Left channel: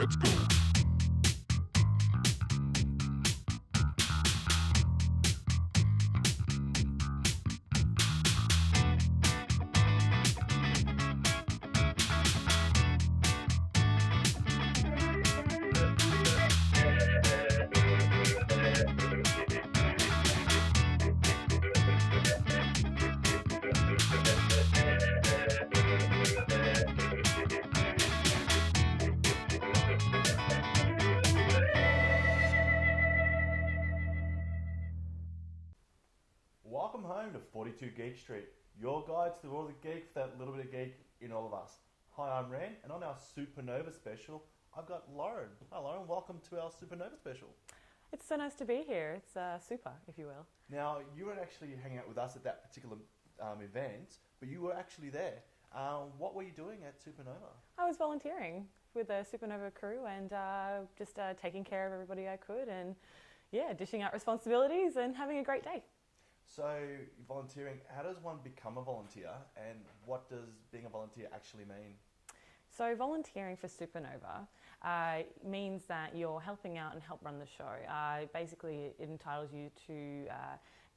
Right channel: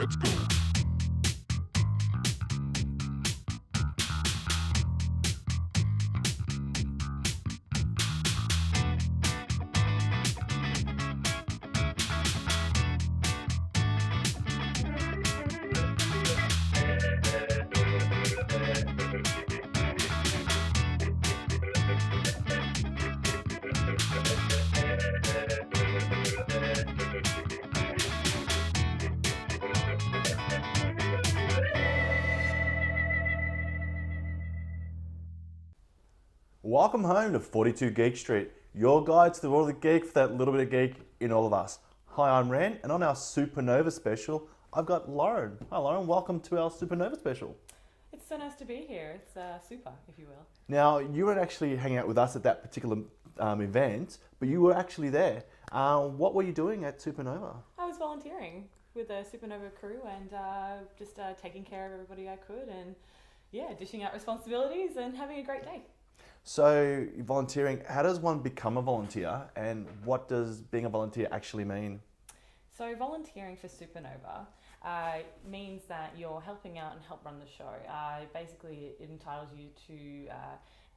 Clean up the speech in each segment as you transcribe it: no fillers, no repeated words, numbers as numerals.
Let's go. Welcome home to 42 Geek Street, your guide to the world of geek for that little bit of geek in all of us. Hi, I'm Ren, and on our Supanova special, I've got Lauren. Hi Lauren, welcome to our Supanova special. It's so nice to be here. It's super, if you will. Now, you weren't actually hanging out with us at that particular event, but you were actually there. What were you doing at Supanova? I was volunteering with the Supanova crew and just taking care of everybody I could and, yeah, dishing out responsibilities and having a great day. So, volunteering, how does one become a volunteer, and what does being a volunteer actually mean? So volunteering for Supanova means that you're helping out and help run the show. Basically, it entitles you to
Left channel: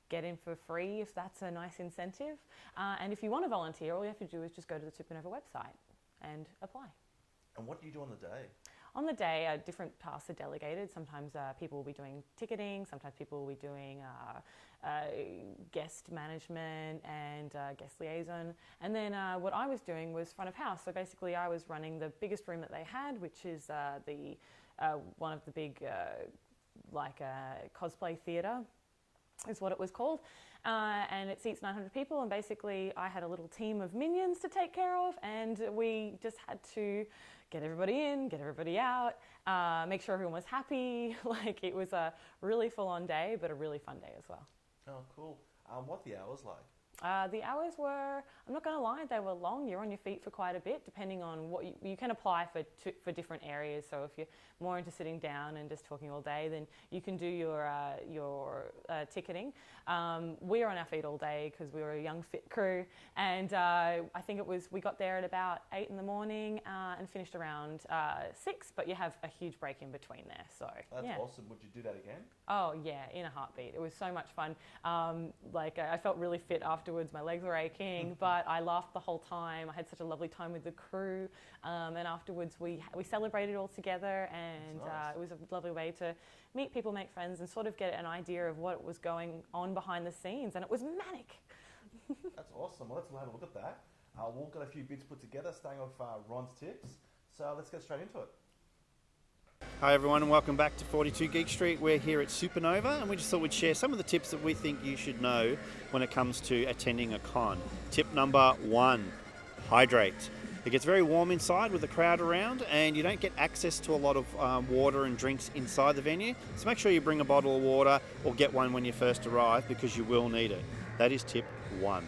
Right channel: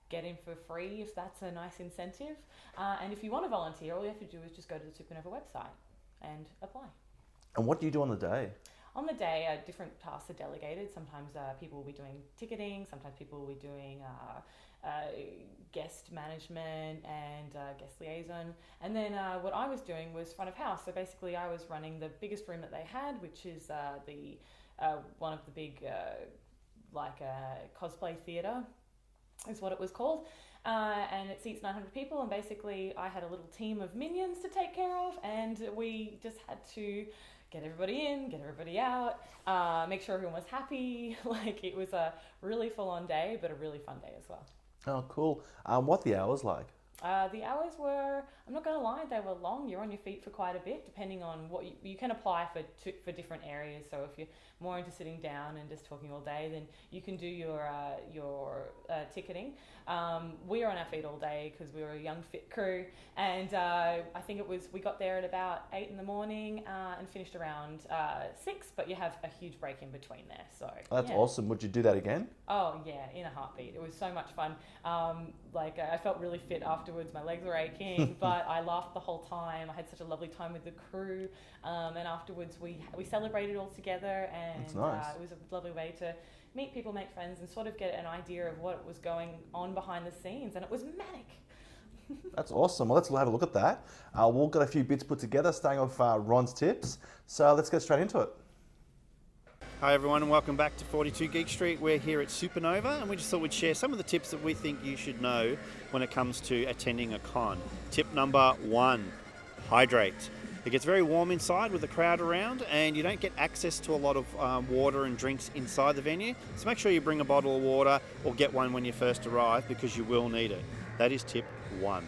get in for free if that's a nice incentive. And if you want to volunteer, all you have to do is just go to the Supanova website and apply. And what do you do on the day? On the day, different tasks are delegated. Sometimes people will be doing ticketing, sometimes people will be doing guest management and guest liaison. And then what I was doing was front of house. So basically I was running the biggest room that they had, which is one of the big Cosplay theatre is what it was called. And it seats 900 people, and basically I had a little team of minions to take care of, and we just had to get everybody in, get everybody out, make sure everyone was happy. Like, it was a really full-on day, but a really fun day as well. Oh, cool. What the hours like? The hours were, I'm not going to lie, they were long. You're on your feet for quite a bit, depending on what you can apply for different areas. So if you're more into sitting down and just talking all day, then you can do your ticketing. We were on our feet all day because we were a young fit crew, and I think we got there at about 8 in the morning and finished around 6. But you have a huge break in between there. So That's awesome. Would you do that again? Oh yeah, in a heartbeat. It was so much fun. I felt really fit afterwards. My legs were aching, but I laughed the whole time. I had such a lovely time with the crew, and afterwards we celebrated all together, and That's nice. it was a lovely way to meet people, make friends, and sort of get an idea of what was going on behind the scenes, and it was manic. That's awesome. Well, let's have a look at that. We've got a few bits put together, starting off Ron's tips. So let's get straight into it. Hi everyone, and welcome back to 42 Geek Street. We're here at Supanova, and we just thought we'd share some of the tips that we think you should know when it comes to attending a con. Tip number 1, hydrate. It gets very warm inside with the crowd around, and you don't get access to a lot of water and drinks inside the venue. So make sure you bring a bottle of water or get one when you first arrive, because you will need it. That is tip 1.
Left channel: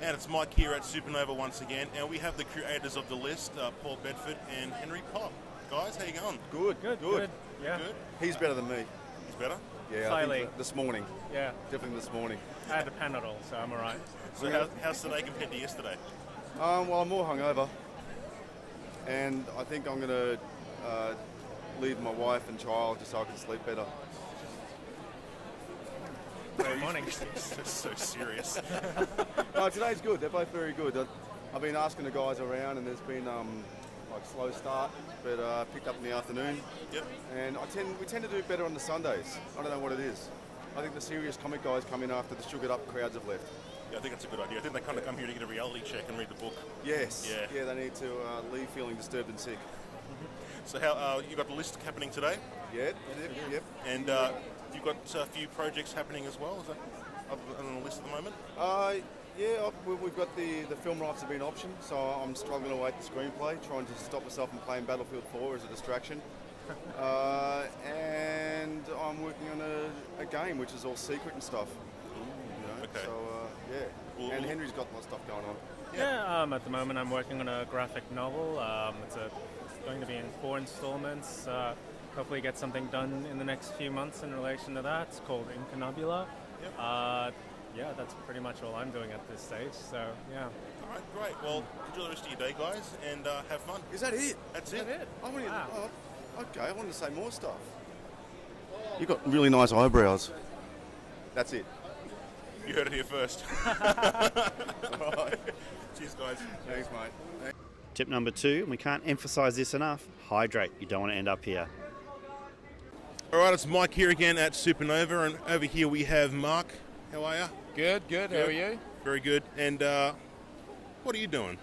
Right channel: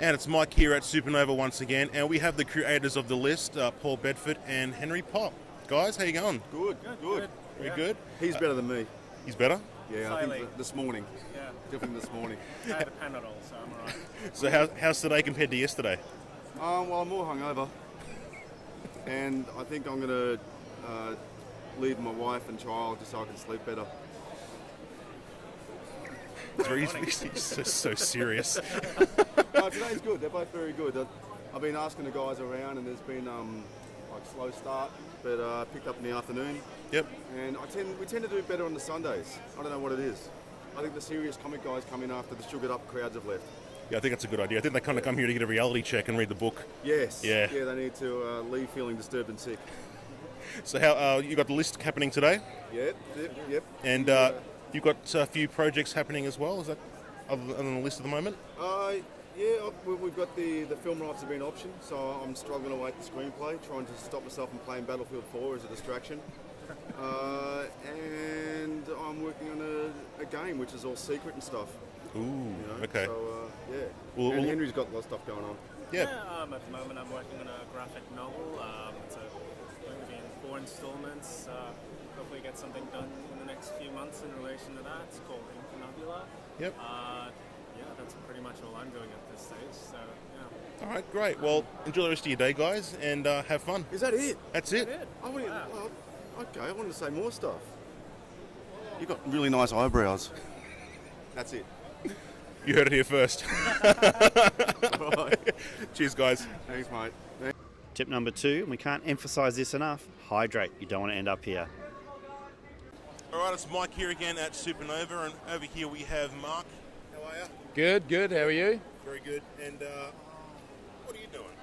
And it's Mike here at Supanova once again, and we have the creators of the list, Paul Bedford and Henry Pop. Guys, how you going? Good. Very good. He's better than me. He's better? Yeah, I think this morning. Yeah, Definitely this morning. I had a Panadol, so I'm alright. So how's today compared to yesterday? Well, I'm more hungover, and I think I'm going to leave my wife and child just so I can sleep better. He's so serious. No, today's good. They're both very good. I've been asking the guys around, and there's been slow start, but picked up in the afternoon. Yep. And we tend to do better on the Sundays. I don't know what it is. I think the serious comic guys come in after the sugared up crowds have left. Yeah, I think that's a good idea. I think they kind of come here to get a reality check and read the book. Yes. Yeah. Yeah, they need to leave feeling disturbed and sick. So how you got the list happening today? Yep. And you've got a few projects happening as well. Is that other than the list at the moment? Yeah, we've got the film rights have been optioned, so I'm struggling to write the screenplay, trying to stop myself from playing Battlefield 4 as a distraction. And I'm working on a game which is all secret and stuff. Ooh, You know? okay. So, yeah. Well, and Henry's got a lot of stuff going on. Yeah. At the moment I'm working on a graphic novel. It's going to be in 4 installments. Hopefully get something done in the next few months in relation to that. It's called Incunabula. Yep. yeah, that's pretty much all I'm doing at this stage. So yeah. All right, great. Well, enjoy the rest of your day, guys, and have fun. Is that it? That's it. I wanted, okay, I wanted to say more stuff. You've got really nice eyebrows. That's it. You heard it here first. Right. Cheers, guys. Thanks, mate. Tip number 2, and we can't emphasise this enough, hydrate. You don't want to end up here. All right, it's Mike here again at Supanova, and over here we have Mark. How are you? Good. How are you? Very good. And what are you doing?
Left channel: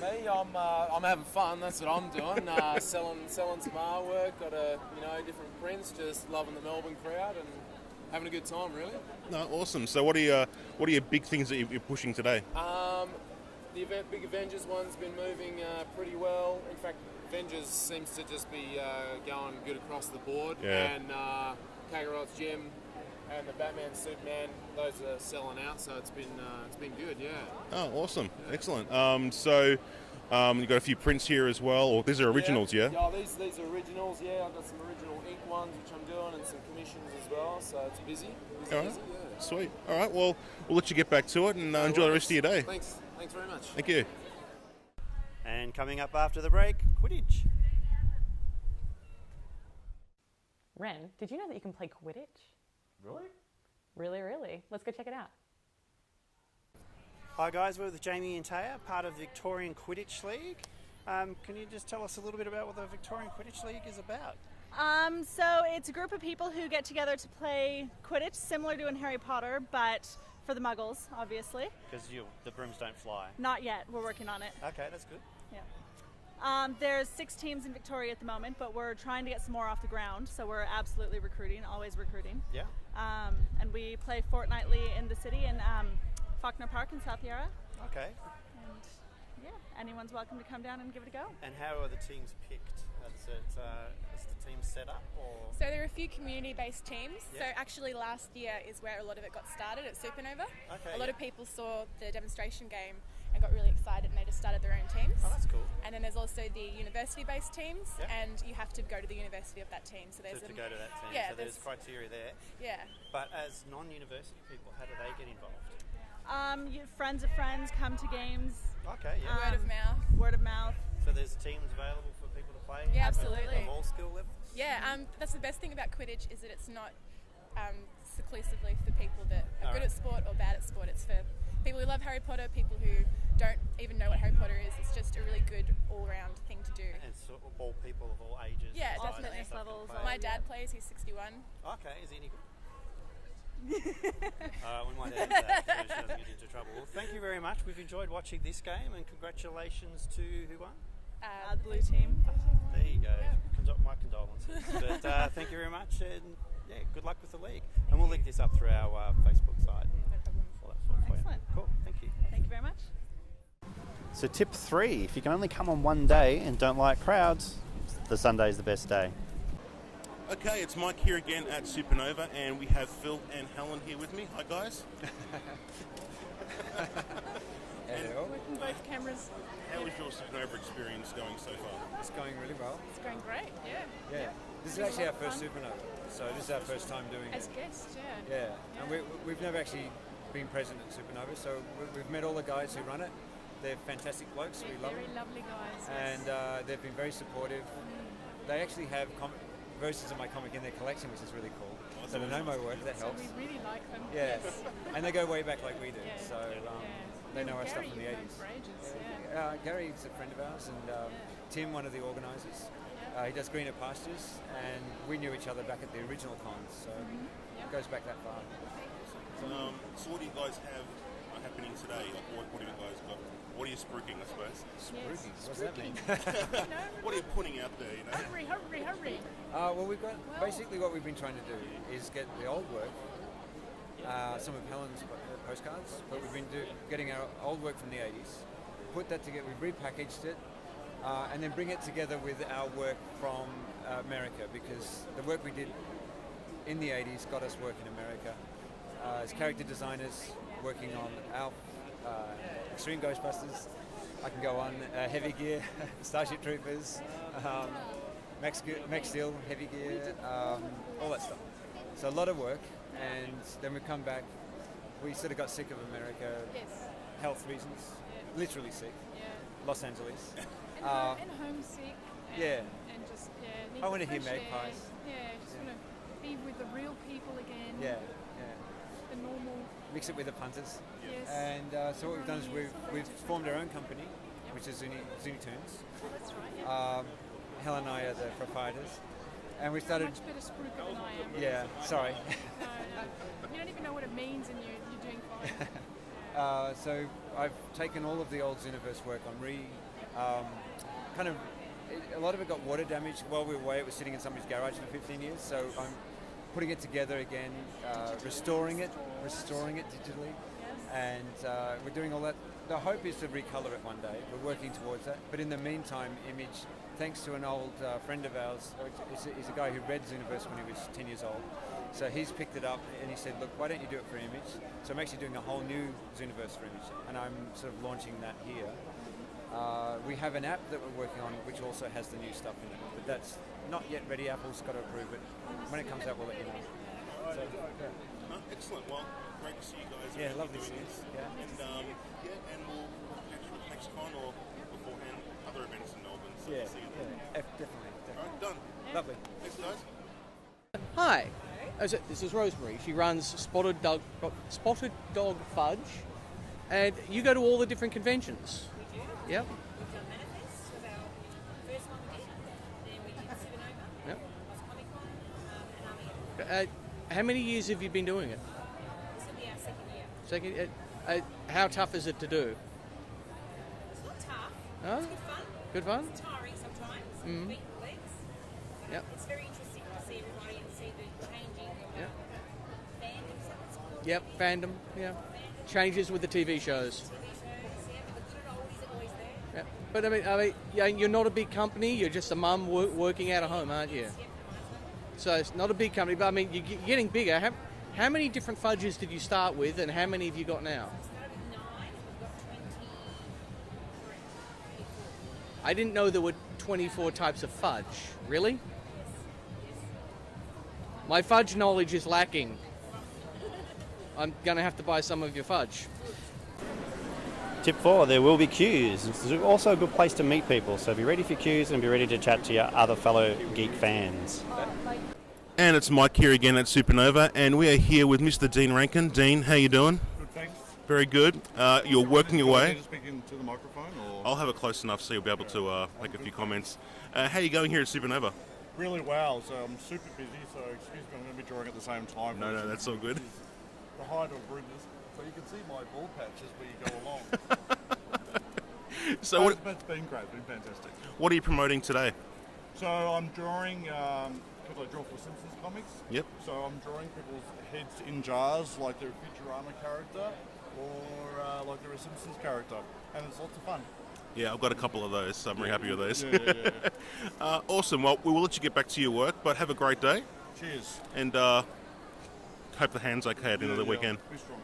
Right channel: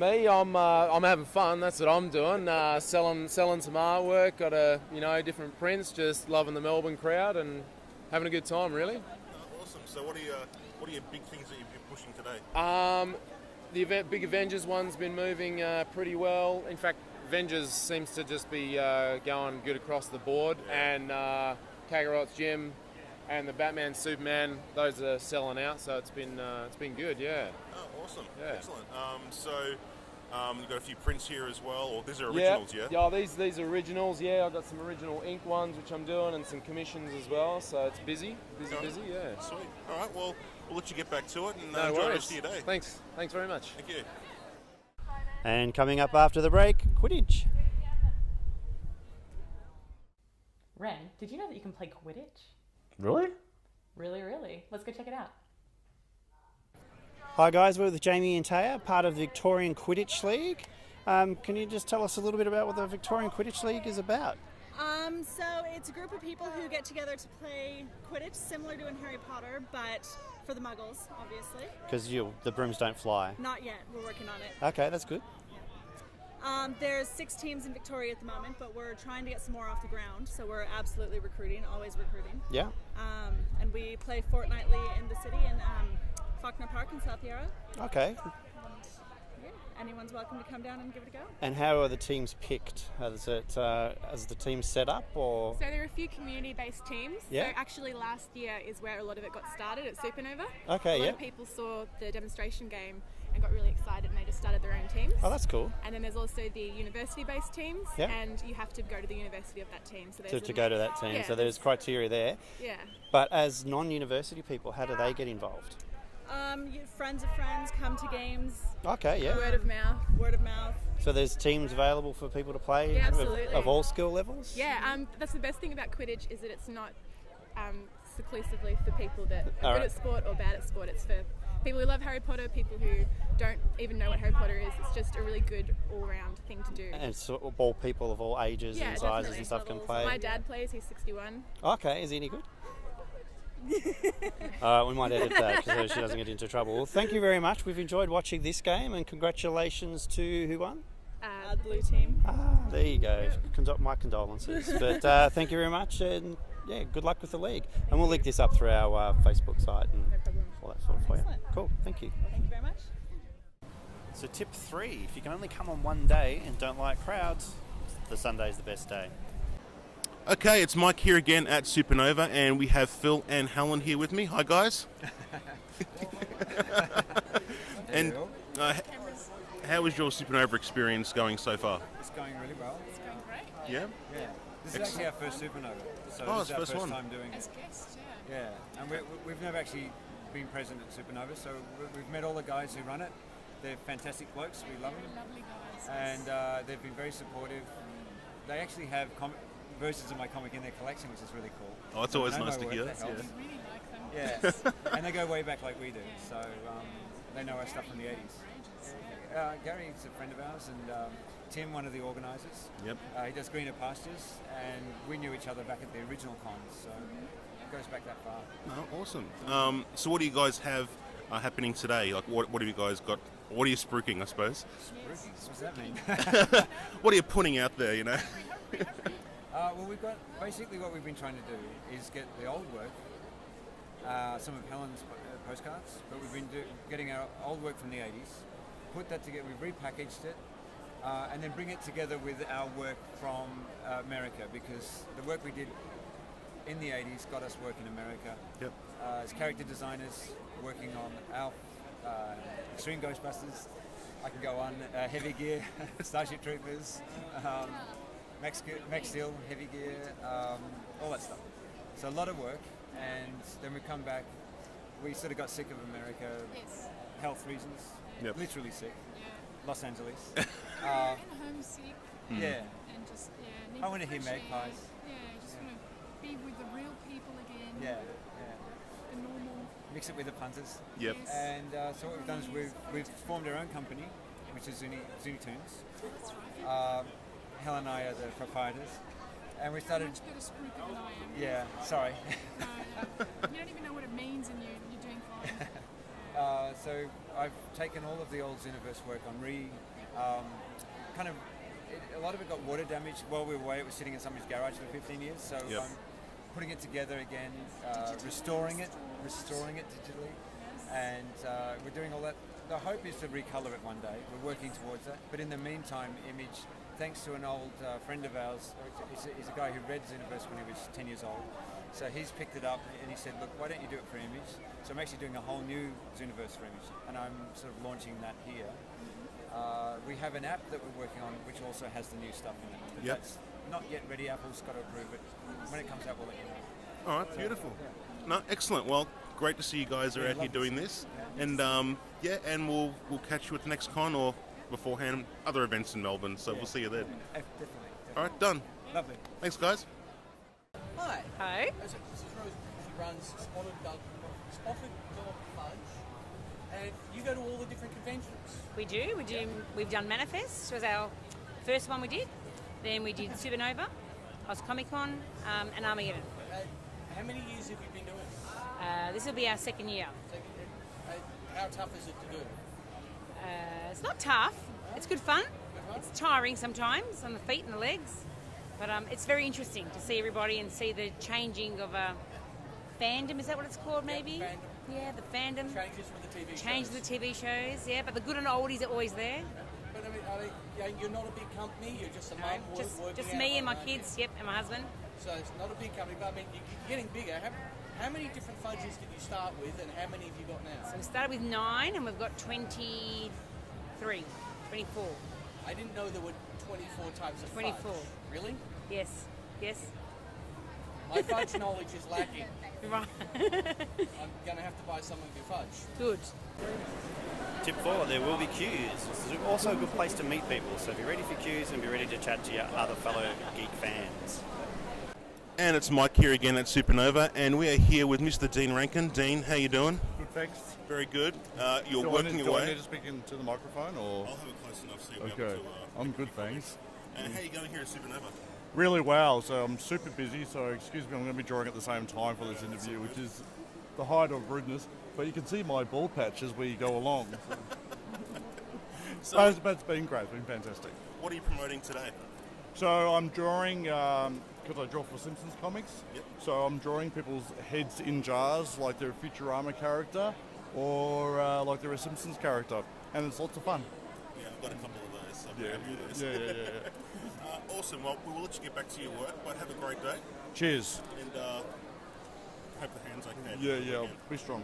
Me, I'm having fun. That's what I'm doing. Selling some artwork. Got different prints. Just loving the Melbourne crowd and having a good time. Really. No, awesome. So what are your big things that you're pushing today? The big Avengers one's been moving pretty well. In fact, Avengers seems to just be going good across the board. Yeah. And Kakarot's Gym and the Batman Superman, those are selling out. So it's been good. Yeah. Oh, awesome. Yeah. Excellent. You've got a few prints here as well, or these are originals, yeah? Yeah, these are originals, yeah. I've got some original ink ones, which I'm doing, and some commissions as well, so it's busy, All right. yeah. Sweet. All right, well, we'll let you get back to it and No enjoy the worries. rest of your day. Thanks very much. Thank you. And coming up after the break, Quidditch. Ren, did you know that you can play Quidditch? Really? Really, really. Let's go check it out. Hi guys, we're with Jamie and Taya, part of the Victorian Quidditch League. Can you just tell us a little bit about what the Victorian Quidditch League is about? So it's a group of people who get together to play Quidditch, similar to in Harry Potter, but for the Muggles, obviously. Because the brooms don't fly. Not yet. We're working on it. Okay, that's good. Yeah. There's 6 teams in Victoria at the moment, but we're trying to get some more off the ground. So we're absolutely recruiting, always recruiting. Yeah. And we play fortnightly in the city in Faulkner Park in South Yarra. Okay. And yeah, anyone's welcome to come down and give it a go. And how are the teams picked? Is the team set up or? So there are a few community-based teams. Yeah. So actually last year is where a lot of it got started at Supanova. Okay, A lot yeah. of people saw the demonstration game and got really excited and they just started their own teams. Oh, that's cool. And then there's also the university-based teams, Yeah. and you have to go to the university of that team. So there's To go to that team. Yeah, So there's criteria there. Yeah. But as non-university people, how do they get involved? Friends of friends come to games. Okay, yeah. Word of mouth. Word of mouth. So there's teams available for people to play Yeah, absolutely. of all skill levels? Yeah, that's the best thing about Quidditch is that it's not exclusively for people that are All good right. at sport or bad at sport. It's for people who love Harry Potter, people who don't even know what Harry Potter is. It's just a really good all-round thing to do. And so all people of all ages Yeah, and sizes definitely. and stuff can Levels. play? My dad plays, he's 61. Okay, is he any good? We might edit that so she doesn't get into trouble. Well, thank you very much. We've enjoyed watching this game and congratulations to who won? The blue team. There you go. My condolences. But thank you very much and yeah, good luck with the league. And we'll link this up through our Facebook site and No problem. all that sort of for you. Excellent. Cool, thank you. Thank you very much. So tip 3, if you can only come on one day and don't like crowds, the Sunday's the best day. Okay, it's Mike here again at Supanova, and we have Phil and Helen here with me. Hi, guys. And Cameras. how is your Supanova experience going so far? It's going really well. It's going great. Yeah. Yeah. This is actually our first Supernova, so Oh, this it's is our first first one. time doing As it. guests, yeah. Yeah, and we've never actually been present at Supernova, so we've met all the guys who run it. They're fantastic blokes. We love Very them, lovely guys. and they've been very supportive. They actually have versions of my comic in their collection, which is really cool. Oh, that's So always they know nice my to work, hear. That So helps. we really like them. Yeah, and they go way back like we do. Yeah. So they know our stuff from the Gary, 80s. you've known for ages, yeah. Gary's a friend of ours, and Tim, one of the organisers. Yep. He does Greener Pastures, and we knew each other back at the original cons, so it goes back that far. Oh, awesome. So what do you guys have happening today? Like, what have you guys got? What are you spruiking, I suppose? Spooky. What does that mean? What are you putting out there, you know? Hurry. Well, we've got basically what we've been trying to do is get the old work, some of Helen's postcards, but we've been getting our old work from the 80s, put that together, we've repackaged it, and then bring it together with our work from America, because the work we did in the 80s got us work in America. Yep. As character designers, working on ALF, Extreme Ghostbusters, I can go on, Heavy Gear, Starship Troopers, Max Steel, Heavy Gear, all that stuff. So a lot of work, and then we come back we sort of got sick of America, Yes. health reasons, Yep. literally sick. Yeah. Los Angeles. And homesick. Yeah. And just need I the want to hear fresh air. magpies. Yeah, just want to be with the real people again. Yeah, The normal. mix it with the punters. Yep. Yes. And so what we've done is we've formed our own company, which is Zuni Tunes. Oh, that's right. Yeah. Helen and I are the proprietors, and we started. Much better spruiker than I am. Yeah, sorry. No. You don't even know what it means, and you're doing fine. So I've taken all of the old Xenoverse work on a lot of it got water damaged while we were away. It was sitting in somebody's garage for 15 years, so Yep. I'm putting it together again, restoring it digitally, and we're doing all that. The hope is to recolor it one day. We're working towards that. But in the meantime, Image, thanks to an old friend of ours, he's a guy who read Xenoverse when he was 10 years old. So he's picked it up and he said, look, why don't you do it for Image? So I'm actually doing a whole new Xenoverse for Image, and I'm sort of launching that here. We have an app that we're working on which also has the new stuff in it. But that's not yet ready. Apple's got to approve it. When it comes out, we'll let you know. All right, beautiful. No, excellent. Well, great to see you guys are out here lovely to doing see this. you. And and we'll catch you at the next con or beforehand, other events in Melbourne. So we'll see you there. Definitely. All right, done. Lovely. Thanks, guys. Hi. Hi. This is Rosemary. She runs Spotted Dog Fudge, and you go to all the different conventions. We do. Yep. We've done Manifest, was our first one we did. Then we did Supanova, Yep. Comic Con, and Armageddon. How many years have you been doing it? This will be our second year. How tough is it to do? It's not tough. Oh. It's good fun. Good fun. It's tiring sometimes on the feet and the legs, but it's very interesting to see everybody and see the changing of fandom. Is that what it's called? Yep, maybe? fandom. Yeah, the fandom. Changes with the TV shows. Changes with TV shows. Yeah, but the good and oldies are always there. Yeah. But I mean, you're not a big company. You're just a mum working Just out of me home, and my aren't kids. you? Yep, and my husband. So it's not a big company, but I mean, you're getting bigger. How many different fudges did you start with, and how many have you got now? So we started with 9, and we've got 24. I didn't know there were 24 types of 24. fudge. Really? Yes. My fudge knowledge is lacking. Right. I'm going to have to buy some of your fudge. Good. Tip 4, there will be queues. It's also a good place to meet people, so be ready for queues and be ready to chat to your other fellow geek fans. And it's Mike here again at Supanova, and we are here with Mr. Dean Rankin. Dean, how you doing? Good, thanks. Very good. You're working Do I away. need to speak into the microphone, or? I'll have it close enough so you'll be able Okay. to I'm make a good, few thanks. comments. How are you going here at Supanova? Really well. So I'm super busy. So excuse me, I'm going to be drawing at the same time for No, this no, that's all interview, good. which is the height of rudeness. But you can see my ball patch as we go along. So, But it's been great. It's been fantastic. what are you promoting today? So I'm drawing because I draw for Simpsons comics. Yep. So I'm drawing people's heads in jars, like they're a Futurama character, or like they're a Simpsons character, and it's lots of fun. Yeah, I've got a couple of those, so I'm very happy with those. Yeah. Awesome. Well, we will let you get back to your work, but have a great day. Cheers. And hope the hand's okay at the end of the weekend. Be strong.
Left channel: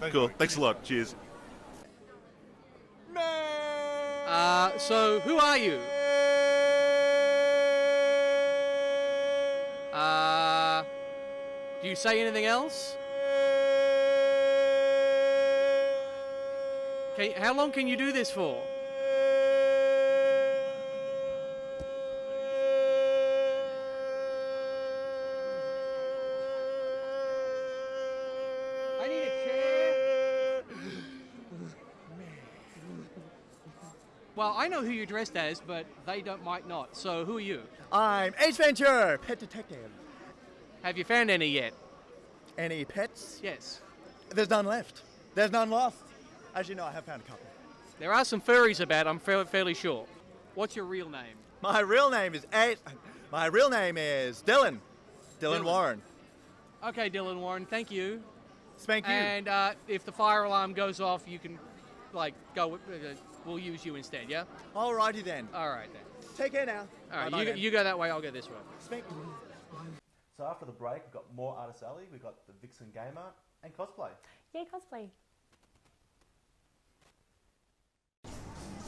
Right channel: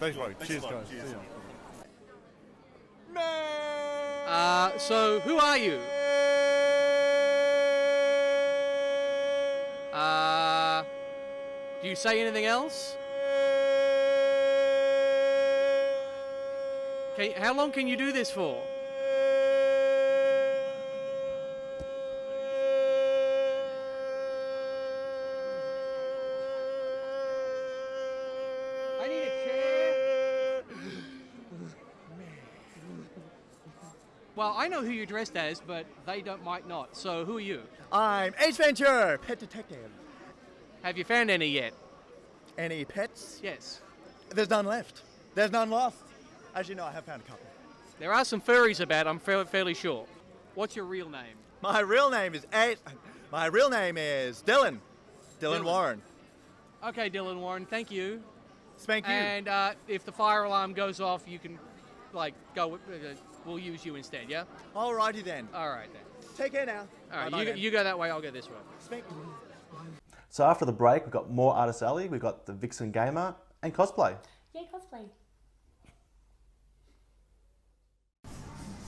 Cool. Thanks a lot. guys. Cheers. So who are you? Do you say anything else? How long can you do this for? I need a chair. Well, I know who you're dressed as, but they might not. So who are you? I'm Ace Venture, pet detective. Have you found any yet? Any pets? Yes. There's none left. There's none lost. As you know, I have found a couple. There are some furries about, I'm fairly sure. What's your real name? My real name is Dylan. Dylan Warren. Okay, Dylan Warren, thank you. Spank you. And if the fire alarm goes off, you can, go. We'll use you instead, yeah? Alrighty then. All right then. Take care now. All right, Bye-bye then. you go that way, I'll go this way. Spank. So after the break, we've got more Artist Alley, we've got the Vixen Gamer, and Cosplay. Yay, cosplay.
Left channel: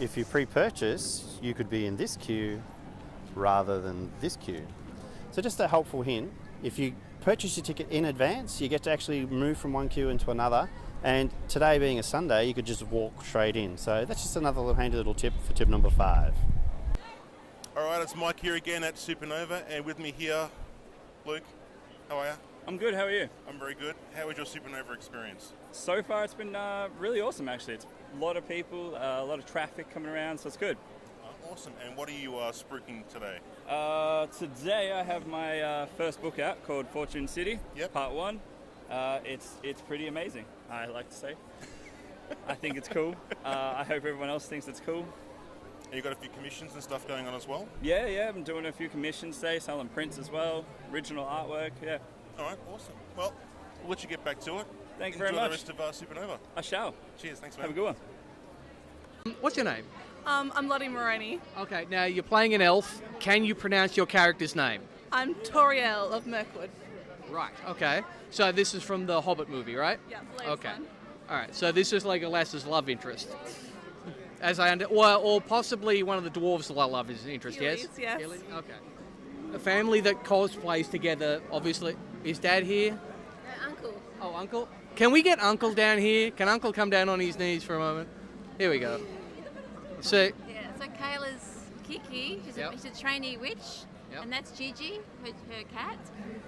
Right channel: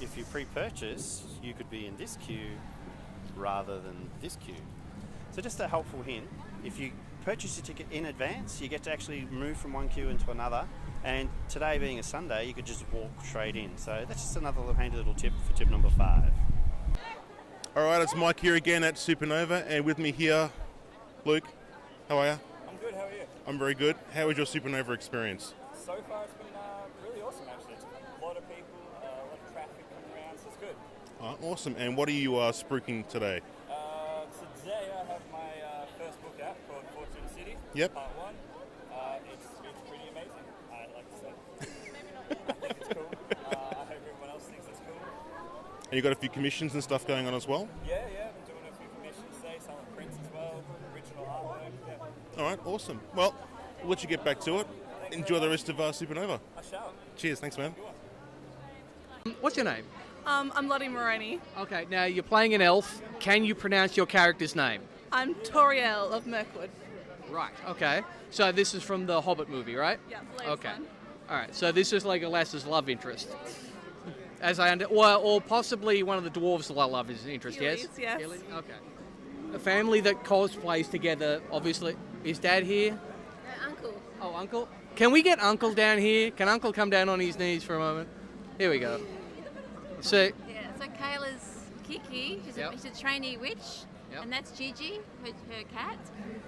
If you pre-purchase, you could be in this queue rather than this queue. So just a helpful hint, if you purchase your ticket in advance, you get to actually move from one queue into another. And today being a Sunday, you could just walk straight in. So that's just another little handy little tip for tip number 5. All right, it's Mike here again at Supanova, and with me here, Luke. How are you? I'm good, how are you? I'm very good. How was your Supanova experience? So far it's been really awesome actually. It's a lot of people, a lot of traffic coming around, so it's good. Awesome. And what are you spruiking today? Today I have my first book out called Fortune City, Part 1. It's pretty amazing, I like to say. I think it's cool. I hope everyone else thinks it's cool. And you got a few commissions and stuff going on as well? Yeah, I've been doing a few commissions today, selling prints as well, original artwork, yeah. All right, awesome. Well, we'll let you get back to it. Thanks Enjoy very the much. rest of Supanova. I shall. Cheers, thanks man. Have a good one. What's your name? I'm Lottie Moroni. Okay, now you're playing an elf. Can you pronounce your character's name? I'm Toriel of Mirkwood. Right, okay. So this is from the Hobbit movie, right? Yeah, the latest Okay. one. All right, so this is like a lass's love interest. As I or possibly one of the dwarves' love is interest, yes? Yes. Okay. A family that cosplays together, obviously. Is Dad here? Uncle. Oh, Uncle? Can we get Uncle down here? Can Uncle come down on his knees for a moment? Here we go. So, Yeah, so Kayla's Kiki, she's a trainee witch, and that's Gigi, her cat,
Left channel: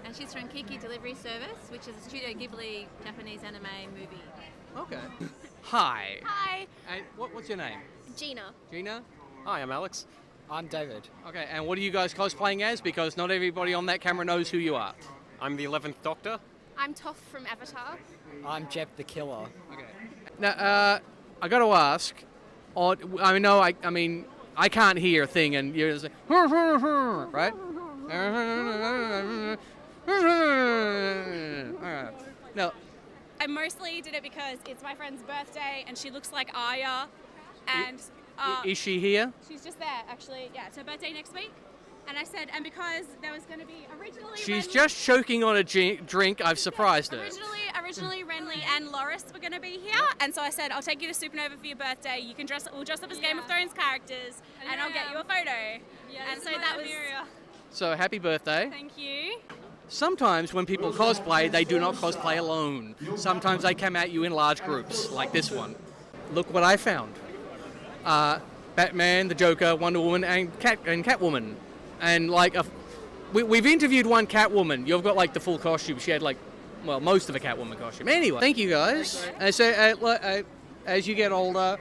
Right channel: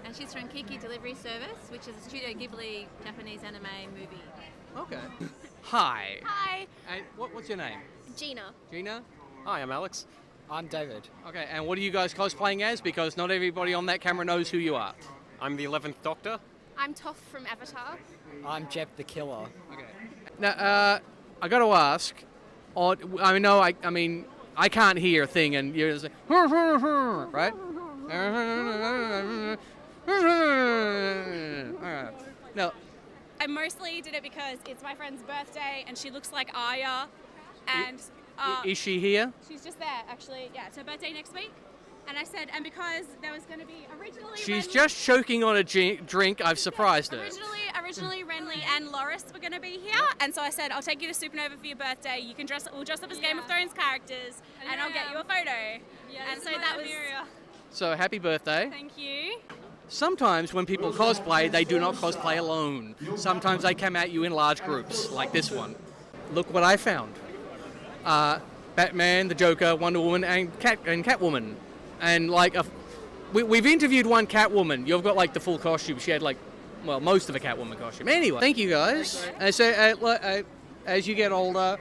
and she's from Kiki Delivery Service, which is a Studio Ghibli Japanese anime movie. okay. Hi. Hi. And what's your name? Gina. Gina? Hi, I'm Alex. I'm David. Okay, and what are you guys cosplaying as? Because not everybody on that camera knows who you are. I'm the 11th Doctor. I'm Toph from Avatar. I'm Jeb the Killer. Okay. Now, I got to ask. I mean, I can't hear a thing, and you're just like, right? No. I mostly did it because it's my friend's birthday and she looks like Aya. And Is she here? she's just there, actually. Yeah, it's her birthday next week. And I said, and because there was going to be originally She's Renly, just choking on a drink. I've surprised her. originally Renly and Loris were going to be here, and so I said, I'll take you to Supanova for your birthday. You can we'll dress up as Game of Thrones characters, and I'll get you a photo. And so that was. So happy birthday. Thank you. Sometimes when people cosplay, they do not cosplay alone. Sometimes they come at you in large groups, like this one. Look what I found. Batman, the Joker, Wonder Woman, and Catwoman. And like, we've interviewed one Catwoman. You've got like the full costume. She had like, well, most of a Catwoman costume. Anyway, thank you guys. And so as you get older,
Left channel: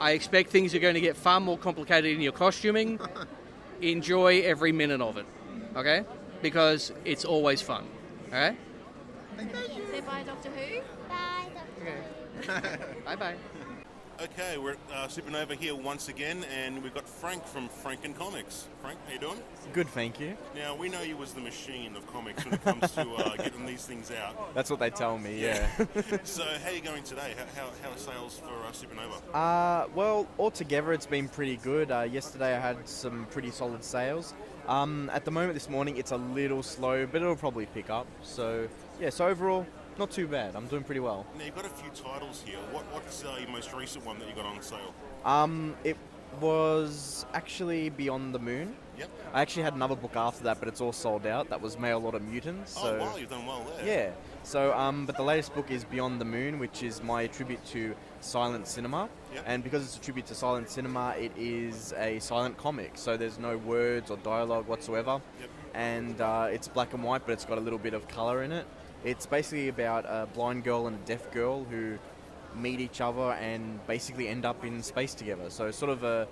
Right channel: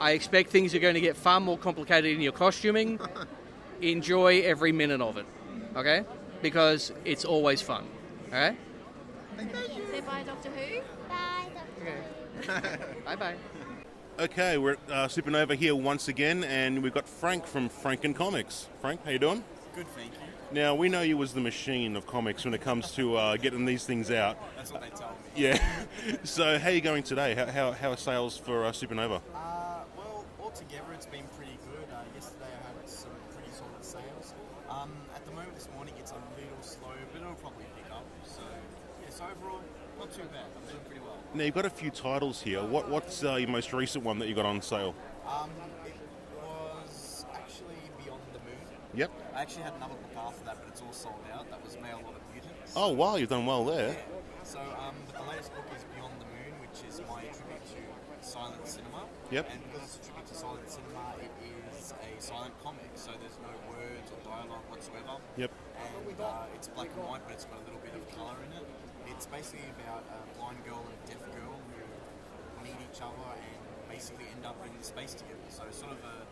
I expect things are going to get far more complicated in your costuming. Enjoy every minute of it, okay? Because it's always fun, all right? Say bye, Doctor Who. Bye, Doctor Who. Bye-bye. Okay, we're at Supanova here once again, and we've got Frank from Franken Comics. Frank, how you doing? Good, thank you. Now, we know you as the machine of comics when it comes to getting these things out. That's what they tell me. Yeah. So, how are you going today? How are sales for Supanova? Well, altogether it's been pretty good. Yesterday I had some pretty solid sales. At the moment this morning it's a little slow, but it'll probably pick up. So, yeah, so overall, not too bad. I'm doing pretty well. Now, you've got a few titles here. What's your most recent one that you got on sale? It was actually Beyond the Moon. Yep. I actually had another book after that, but it's all sold out. That was Mail Order Mutants. Oh, wow, you've done well there. Yeah. So, but the latest book is Beyond the Moon, which is my tribute to silent cinema. Yep. And because it's a tribute to silent cinema, it is a silent comic. So there's no words or dialogue whatsoever. Yep. And it's black and white, but it's got a little bit of color in it. It's basically about a blind girl and a deaf girl who meet each other and basically end up in space together. So sort of an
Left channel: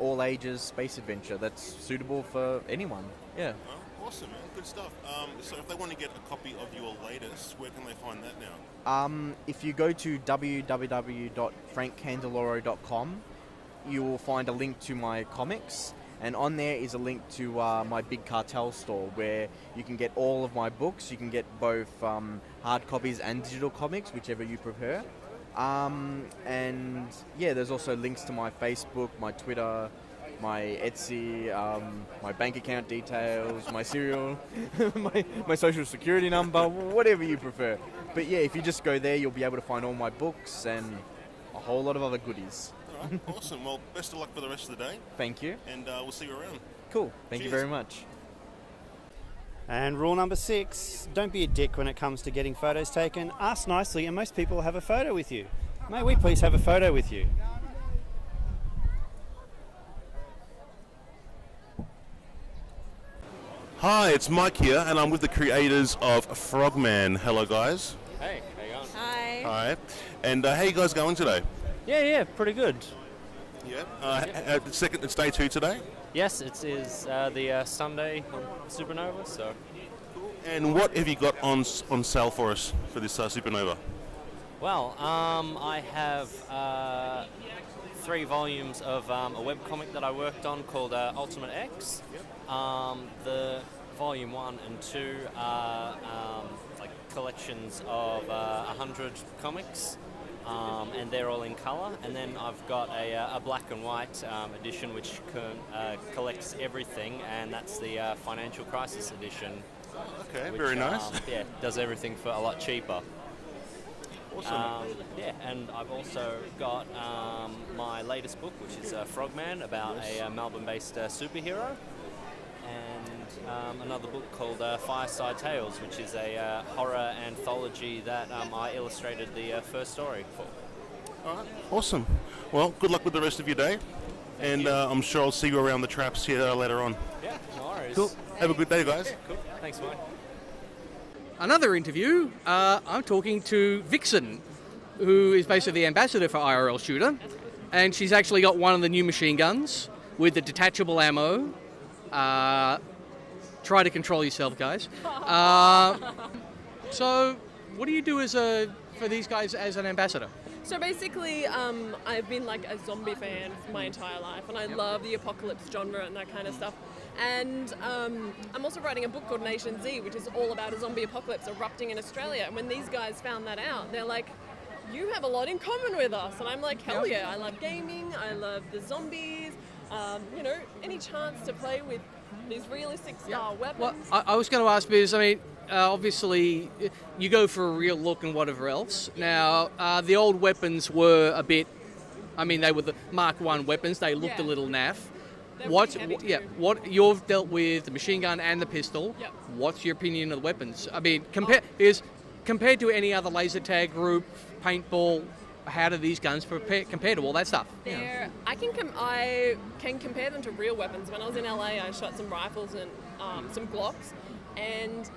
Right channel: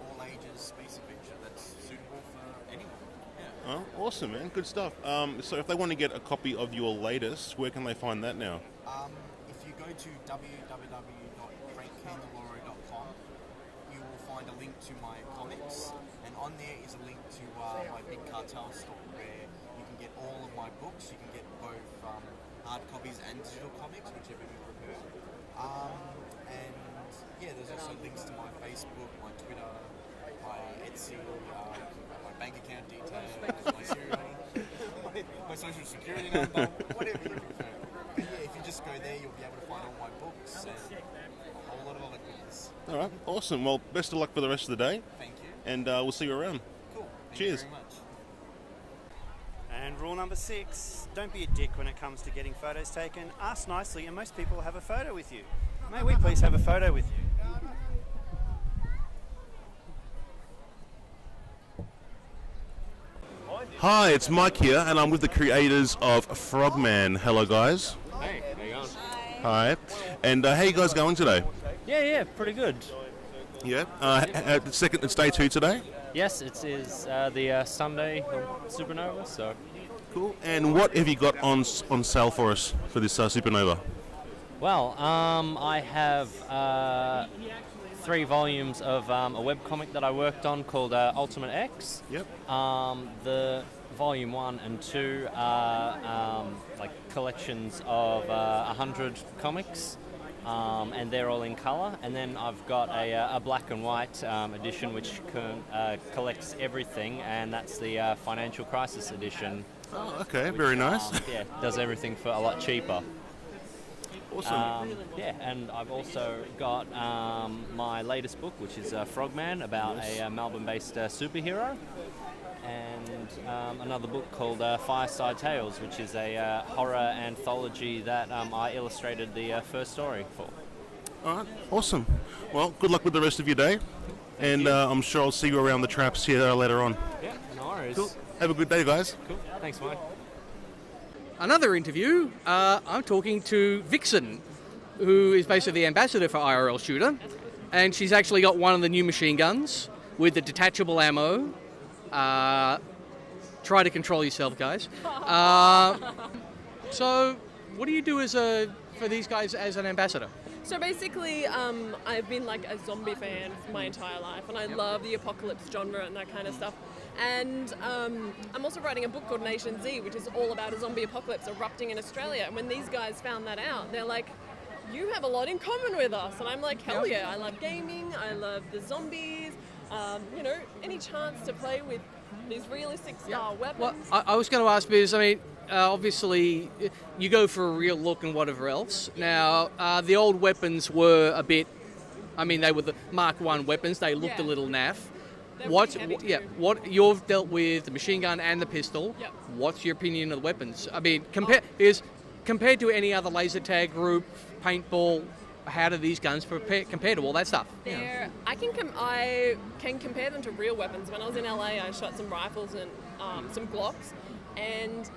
all ages space adventure that's suitable for anyone. Yeah. Oh, awesome, man. Good stuff. So if they want to get a copy of your latest, where can they find that now? If you go to www.frankcandeloro.com, you will find a link to my comics, and on there is a link to my Big Cartel store where you can get all of my books. You can get both hard copies and digital comics, whichever you prefer. And yeah, there's also links to my Facebook, my Twitter, my Etsy, my bank account details, my serial, my social security number, whatever you prefer. But yeah, if you just go there, you'll be able to find all my books and a whole lot of other goodies. All right, awesome. Well, best of luck for the rest of the day. Thank you. And we'll see you around. Cool. Thank you Cheers. very much. And rule number 6, don't be a dick when it comes to getting photos taken. Ask nicely and most people will have a photo with you. May we please have a photo with you? Hi, it's Mike here, and I'm with the creators of Frogman. Hello, guys. Hey, how you going? Hi. And how you guys going today? Yeah, pretty good. Yeah. It's day 2 today. Yes, it is the Sunday on Supanova, so. Cool. And what have you got on sale for us for this Supanova? Well, I have 3 volumes of a webcomic that I worked on called Ultimate X. Yep. The volume 1 and 2 are like collections of 100 comics, and they're all in colour. And then I've got a black and white edition which collects everything, and that's the Financial Crisis edition. Oh, okay, which, very nice. Yeah, does everything for a lot cheaper. Awesome. Yeah, and I've also got my latest book, which is Frogman, about a Melbourne-based superhero, and another book called Fireside Tales, which is a horror anthology that I illustrated the first story for. All right, awesome. Well, good luck with the rest of your day, and I'm sure I'll see you around the traps here later on. Yeah, no worries. Cool. Have a good day, guys. Cool. Thanks, Mike. Another interview, I'm talking to Vixen, who is basically the ambassador for IRL Shooter, and she's actually got one of the new machine guns with the detachable ammo. Try to control yourself, guys. So, what do you do for these guys as an ambassador? So basically, I've been like a zombie fan for my entire life, and I love the apocalypse genre and that kind of stuff. And I'm also writing a book called Nation Z, which is all about a zombie apocalypse erupting in Australia. And when these guys found that out, they're like, you have a lot in common with us. And I'm like, hell yeah, I love gaming, I love the zombies, you know, any chance to play with these realistic style weapons. Well, I was going to ask because, I mean, obviously you go for a real look and whatever else. Now, the old weapons were a bit, I mean, they were the Mark I weapons, they looked a little naff. What you've dealt with the machine gun and the pistol. Yep. What's your opinion of the weapons? I mean, compared to any other laser tag group, paintball, how do these guns compare to all that stuff? I can compare them to real weapons. When I was in LA, I shot some rifles and some Glocks, and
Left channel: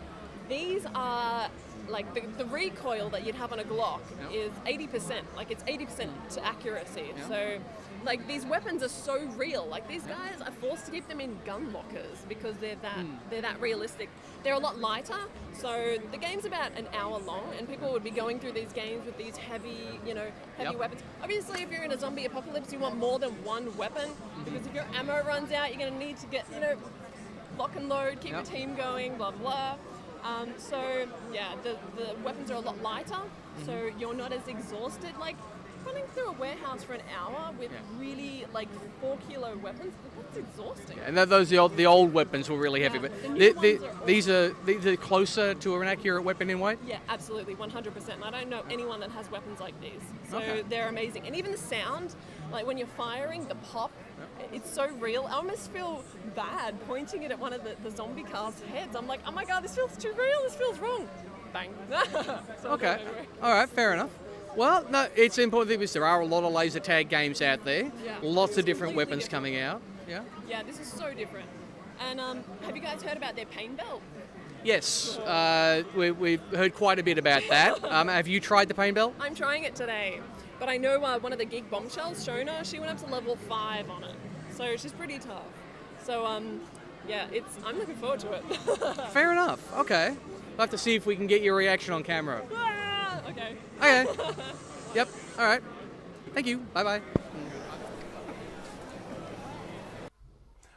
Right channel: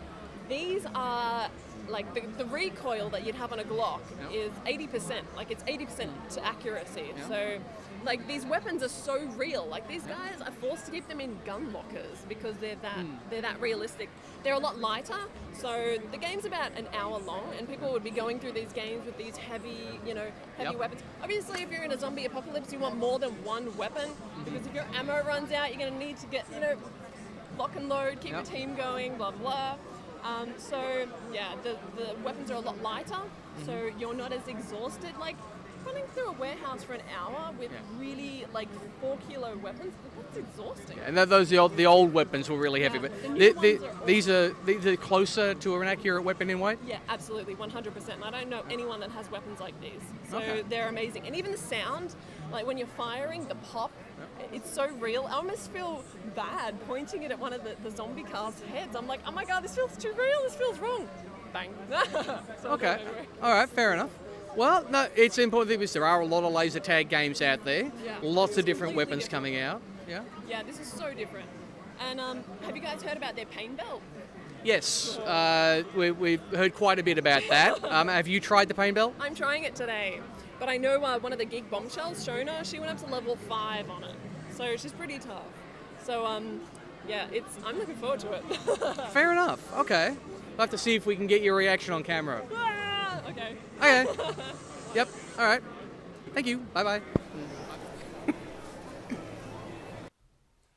these are like the recoil that you'd have on a Glock is 80%. Like it's 80% to accuracy. So. Like, these weapons are so real. Like, these guys are forced to keep them in gun lockers because they're that realistic. They're a lot lighter, so the game's about an hour long, and people would be going through these games with these heavy weapons. Obviously, if you're in a zombie apocalypse, you want more than one weapon, because if your ammo runs out, you're going to need to get, lock and load, keep your team going, blah, blah. So, yeah, the weapons are a lot lighter, so you're not as exhausted. Like, running through a warehouse for an hour with really 4-kilo weapons, that's exhausting. And the old weapons were really heavy, but these are closer to an accurate weapon in weight? Yeah, absolutely, 100%. And I don't know anyone that has weapons like these. So they're amazing. And even the sound, like when you're firing, the pop, it's so real. I almost feel bad pointing it at one of the zombie cars' heads. I'm like, oh my God, this feels too real, this feels wrong. Bang. Okay, all right, fair enough. Well, no, it's important because there are a lot of laser tag games out there. Yeah. Lots of different weapons coming out. Yeah. Yeah, this is so different. And have you guys heard about their pain belt? Yes, we've heard quite a bit about that. Have you tried the pain belt? I'm trying it today, but I know one of the Geek bombshells, Shona, she went up to level 5 on it, so she's pretty tough. So yeah, I'm looking forward to it. Fair enough. Okay, we'll have to see if we can get your reaction on camera. Okay. Okay. Yep. All right. Thank you. Bye-bye.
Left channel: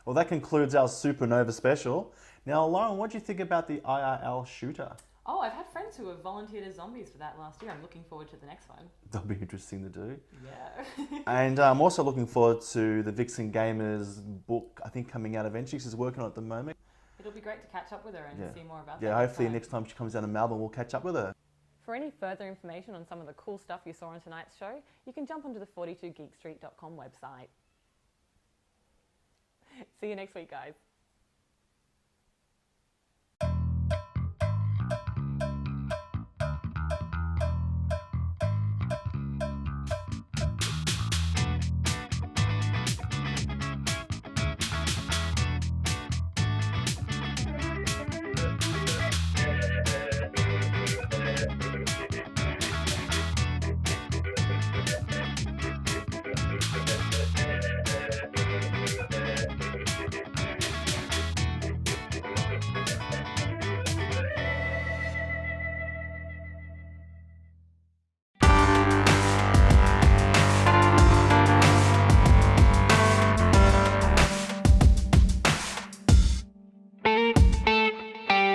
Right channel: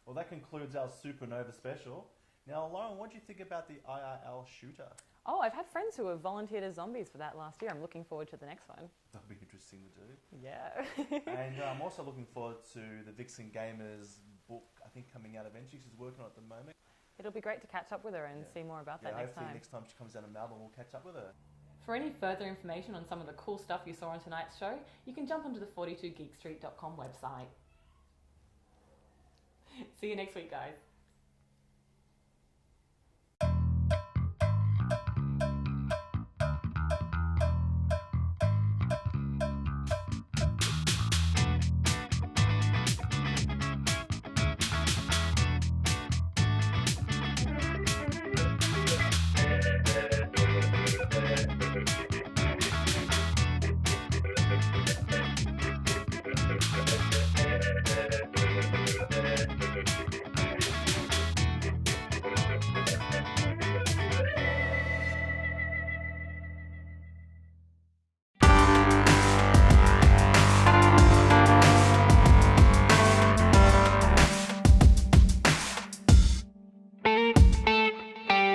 Well, that concludes our Supanova special. Now, Lauren, what do you think about the IRL Shooter? Oh, I've had friends who have volunteered as zombies for that last year. I'm looking forward to the next one. That'll be interesting to do. Yeah. And I'm also looking forward to the Vixen Gamers book, I think, coming out eventually. She's working on it at the moment. It'll be great to catch up with her and see more about that. Yeah, hopefully next time she comes down to Melbourne, we'll catch up with her. For any further information on some of the cool stuff you saw on tonight's show, you can jump onto the 42geekstreet.com website. See you next week, guys.